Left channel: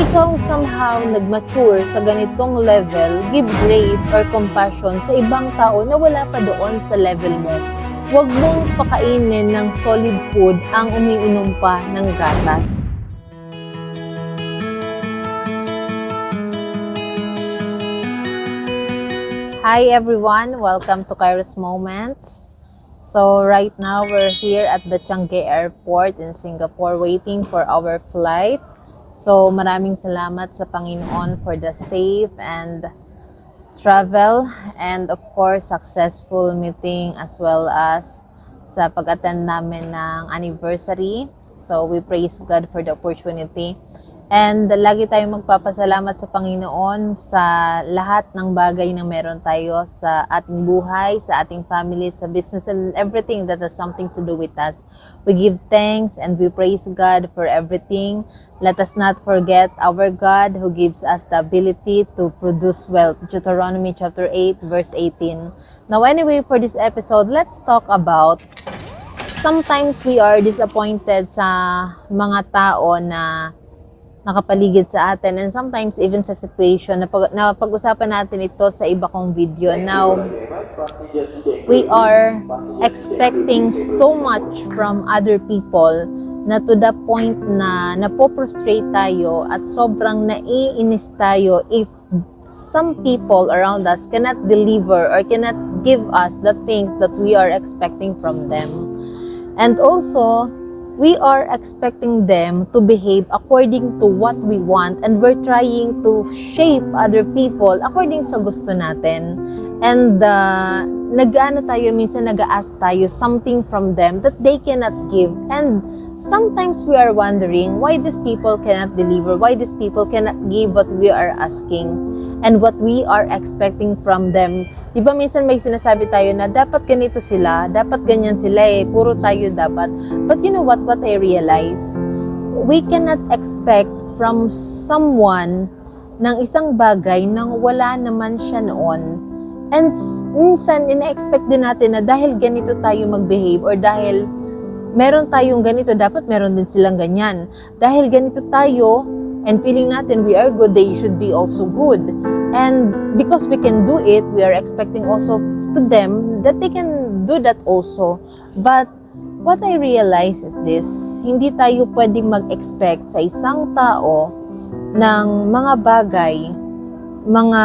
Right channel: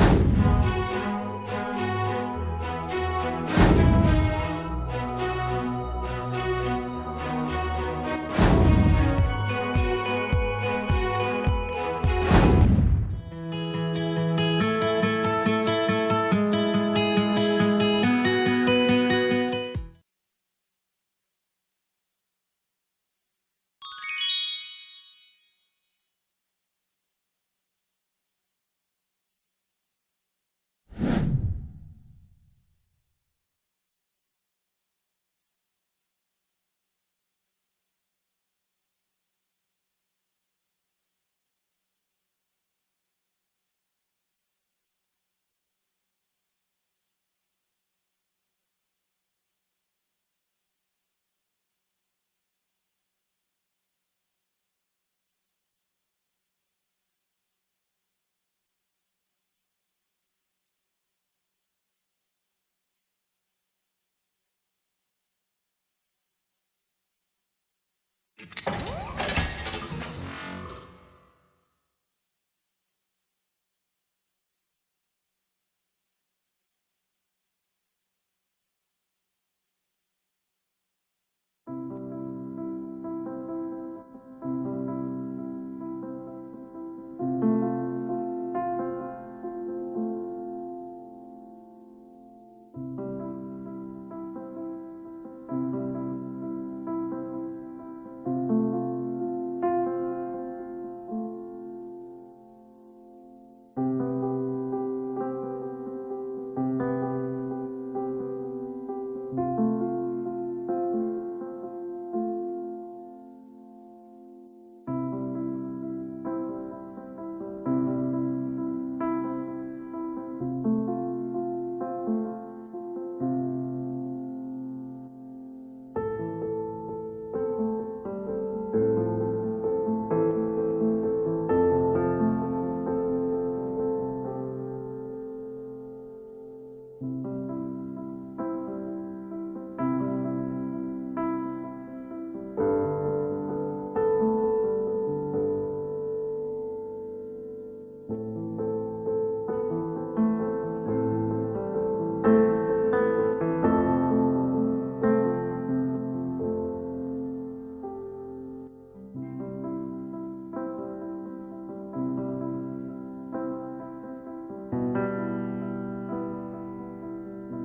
ikaw somehow nag-mature sa ganitong level, give grace or compassion sa ibang tao na wala pa doon sa level mo. Huwag mong pakainin ng solid food ang umiinom pa ng gatas. Hi everyone, welcome to Kairos Moments. So right now we're here at the Changi Airport in Singapore waiting for our flight. So maraming salamat sa Panginoon for the safe and travel and of course successful meeting as well as sa pag-attend namin ng anniversary. So we praise God for the opportunity. And lagi tayong magpapasalamat sa Panginoon sa lahat ng bagay na meron tayo sa ating buhay, sa ating family, sa business, and everything that has something to do with us. We give thanks and we praise God for everything. Let us not forget our God who gives us the ability to produce wealth. Deuteronomy chapter 8, verse 18. Now anyway, for this episode, let's talk about sometimes we are disappointed sa mga tao na nakapaligid sa atin and sometimes even sa situation na pag-usapan natin ito sa iba kong video. Now, we are expecting so much from other people na to the point na napoprostrate tayo at sobrang naiinis tayo if some people around us cannot deliver or cannot give us the things that we are expecting from them. And also, we are expecting them to behave according to what we want and we're trying to shape other people according sa gusto natin. And nag-ano tayo, minsan nag-ask tayo something from them that they cannot give. And sometimes we are wondering why these people cannot deliver, why these people cannot give what we are asking and what we are expecting from them. Di ba minsan may sinasabi tayo na dapat ganito sila, dapat ganyan sila puro tayo dapat. But you know what I realize? We cannot expect from someone ng isang bagay nang wala naman siya noon. And minsan ina-expect din natin na dahil ganito tayo mag-behave or dahil meron tayong ganito, dapat meron din silang ganyan. Dahil ganito tayo and feeling natin we are good, they should be also good. And because we can do it, we are expecting also to them that they can do that also. But what I realize is this, hindi tayo pwedeng mag-expect sa isang tao ng mga bagay, mga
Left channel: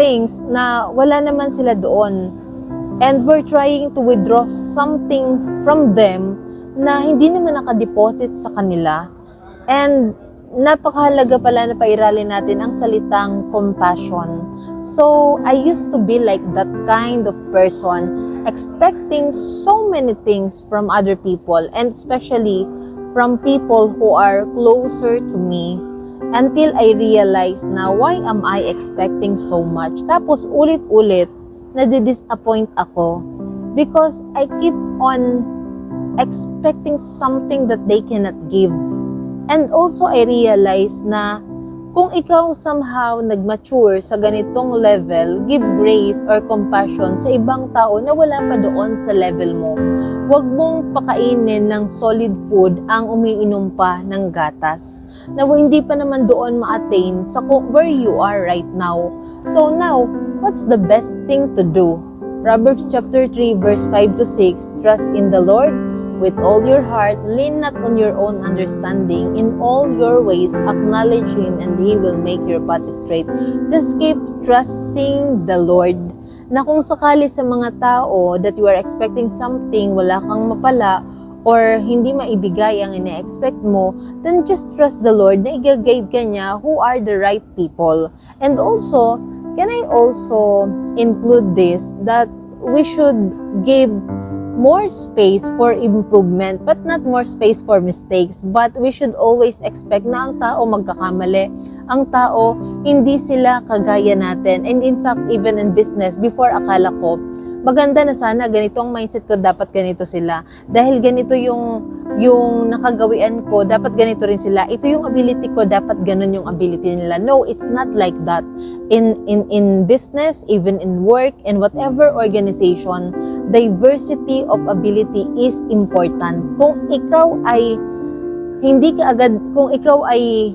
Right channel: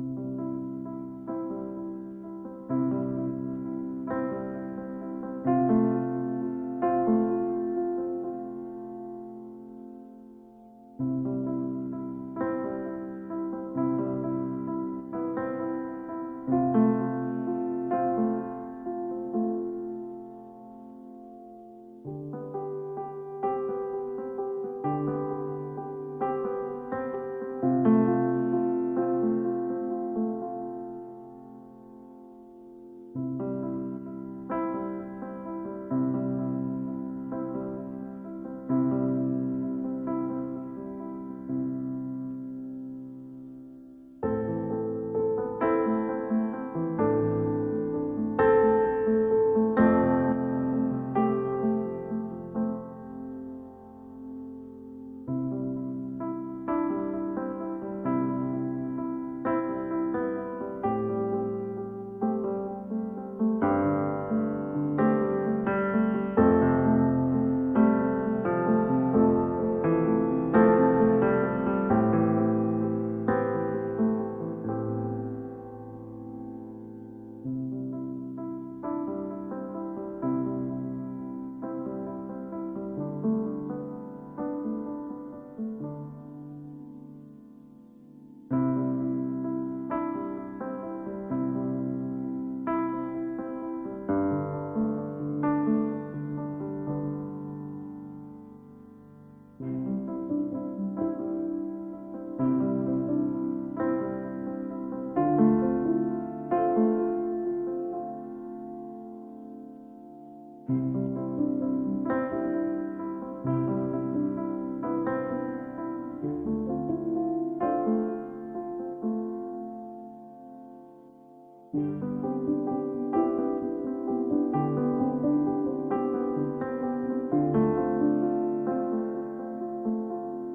things na wala naman sila doon. And we're trying to withdraw something from them na hindi naman nakadeposit sa kanila. And napakahalaga pala na pairalin natin ang salitang compassion. So, I used to be like that kind of person, expecting so many things from other people and especially from people who are closer to me until I realized na why am I expecting so much? Tapos ulit-ulit, nadi-disappoint ako because I keep on expecting something that they cannot give. And also, I realize na kung ikaw somehow nag-mature sa ganitong level, give grace or compassion sa ibang tao na wala pa doon sa level mo. Huwag mong pakainin ng solid food ang umiinom pa ng gatas na hindi pa naman doon ma-attain sa where you are right now. So now, what's the best thing to do? Proverbs chapter 3 verse 5 to 6, trust in the Lord with all your heart, lean not on your own understanding. In all your ways, acknowledge Him and He will make your path straight. Just keep trusting the Lord. Na kung sakali sa mga tao that you are expecting something, wala kang mapala, or hindi maibigay ang ina-expect mo, then just trust the Lord na i-guide ka niya who are the right people. And also, can I also include this, that we should give more space for improvement, but not more space for mistakes. But we should always expect na ang tao magkakamali. Ang tao, hindi sila kagaya natin. And in fact, even in business, before akala ko, maganda na sana, ganito ang mindset ko, dapat ganito sila. Dahil ganito yung nakagawian ko, dapat ganito rin sila. Ito yung ability ko, dapat ganun yung ability nila. No, it's not like that. In business, even in work, in whatever organization, diversity of ability is important. Kung ikaw ay hindi ka agad, kung ikaw ay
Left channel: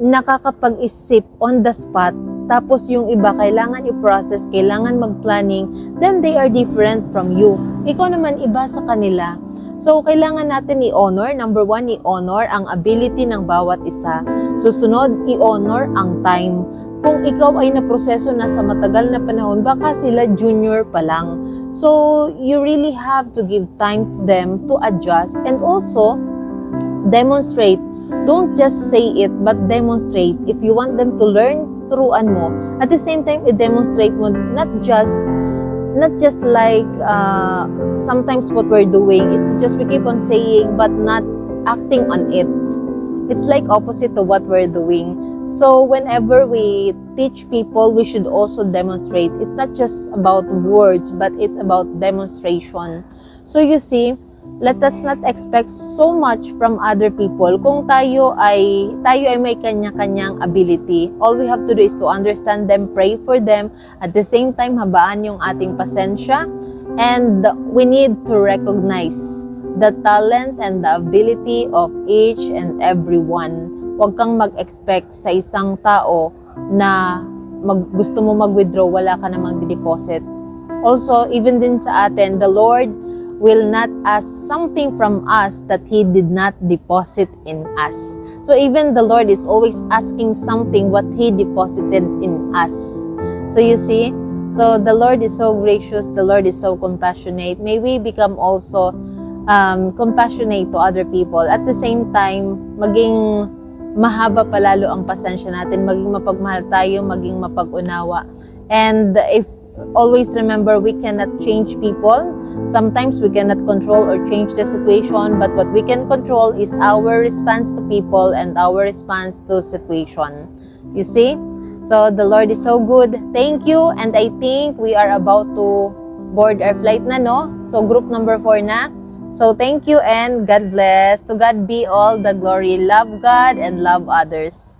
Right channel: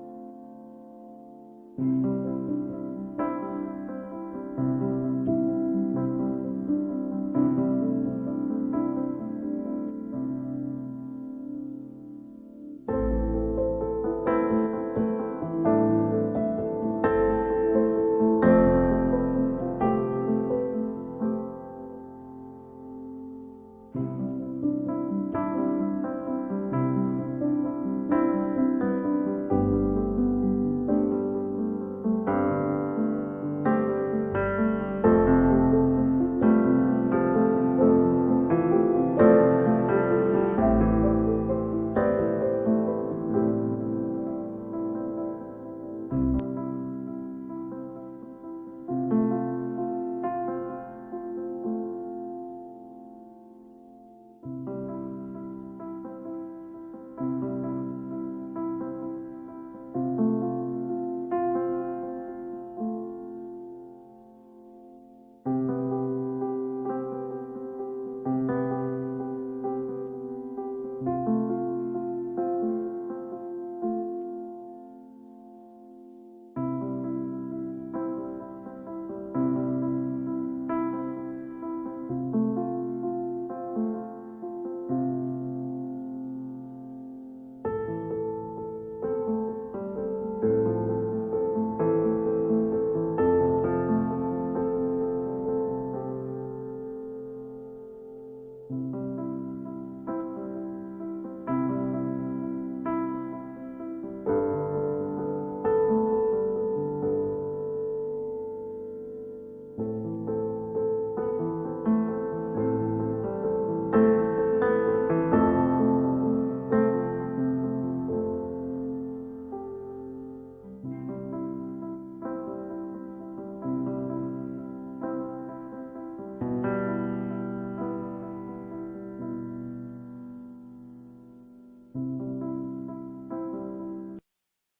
nakakapag-isip on the spot, tapos yung iba kailangan i-process, kailangan mag-planning, then they are different from you. Ikaw naman iba sa kanila. So, kailangan natin i-honor. Number one, i-honor ang ability ng bawat isa. Susunod, i-honor ang time. Kung ikaw ay naproseso na sa matagal na panahon, baka sila junior pa lang. So, you really have to give time to them to adjust and also demonstrate. Don't just say it, but demonstrate. If you want them to learn, turuan mo. At the same time, i-demonstrate mo not just like sometimes what we're doing is to just we keep on saying but not acting on it. It's like opposite to what we're doing. So whenever we teach people, we should also demonstrate. It's not just about words, but it's about demonstration. So you see, let us not expect so much from other people. Kung tayo ay may kanya-kanyang ability, all we have to do is to understand them, pray for them, at the same time habaan yung ating pasensya, and we need to recognize the talent and the ability of each and everyone. Huwag kang mag-expect sa isang tao na gusto mo mag-withdraw, wala ka na mag-deposit. Also, even din sa atin, the Lord will not ask something from us that He did not deposit in us. So even the Lord is always asking something what He deposited in us. So you see, so the Lord is so gracious, the Lord is so compassionate. May we become also compassionate to other people. At the same time, maging mahaba palalo ang pasensya natin, maging mapagmahal tayo, maging mapag-unawa. And if always remember, we cannot change people. Sometimes we cannot control or change the situation, but what we can control is our response to people and our response to situation. You see? So the Lord is so good. Thank you. And I think we are about to board our flight na, no? So group number 4 na. So thank you and God bless. To God be all the glory. Love God and love others.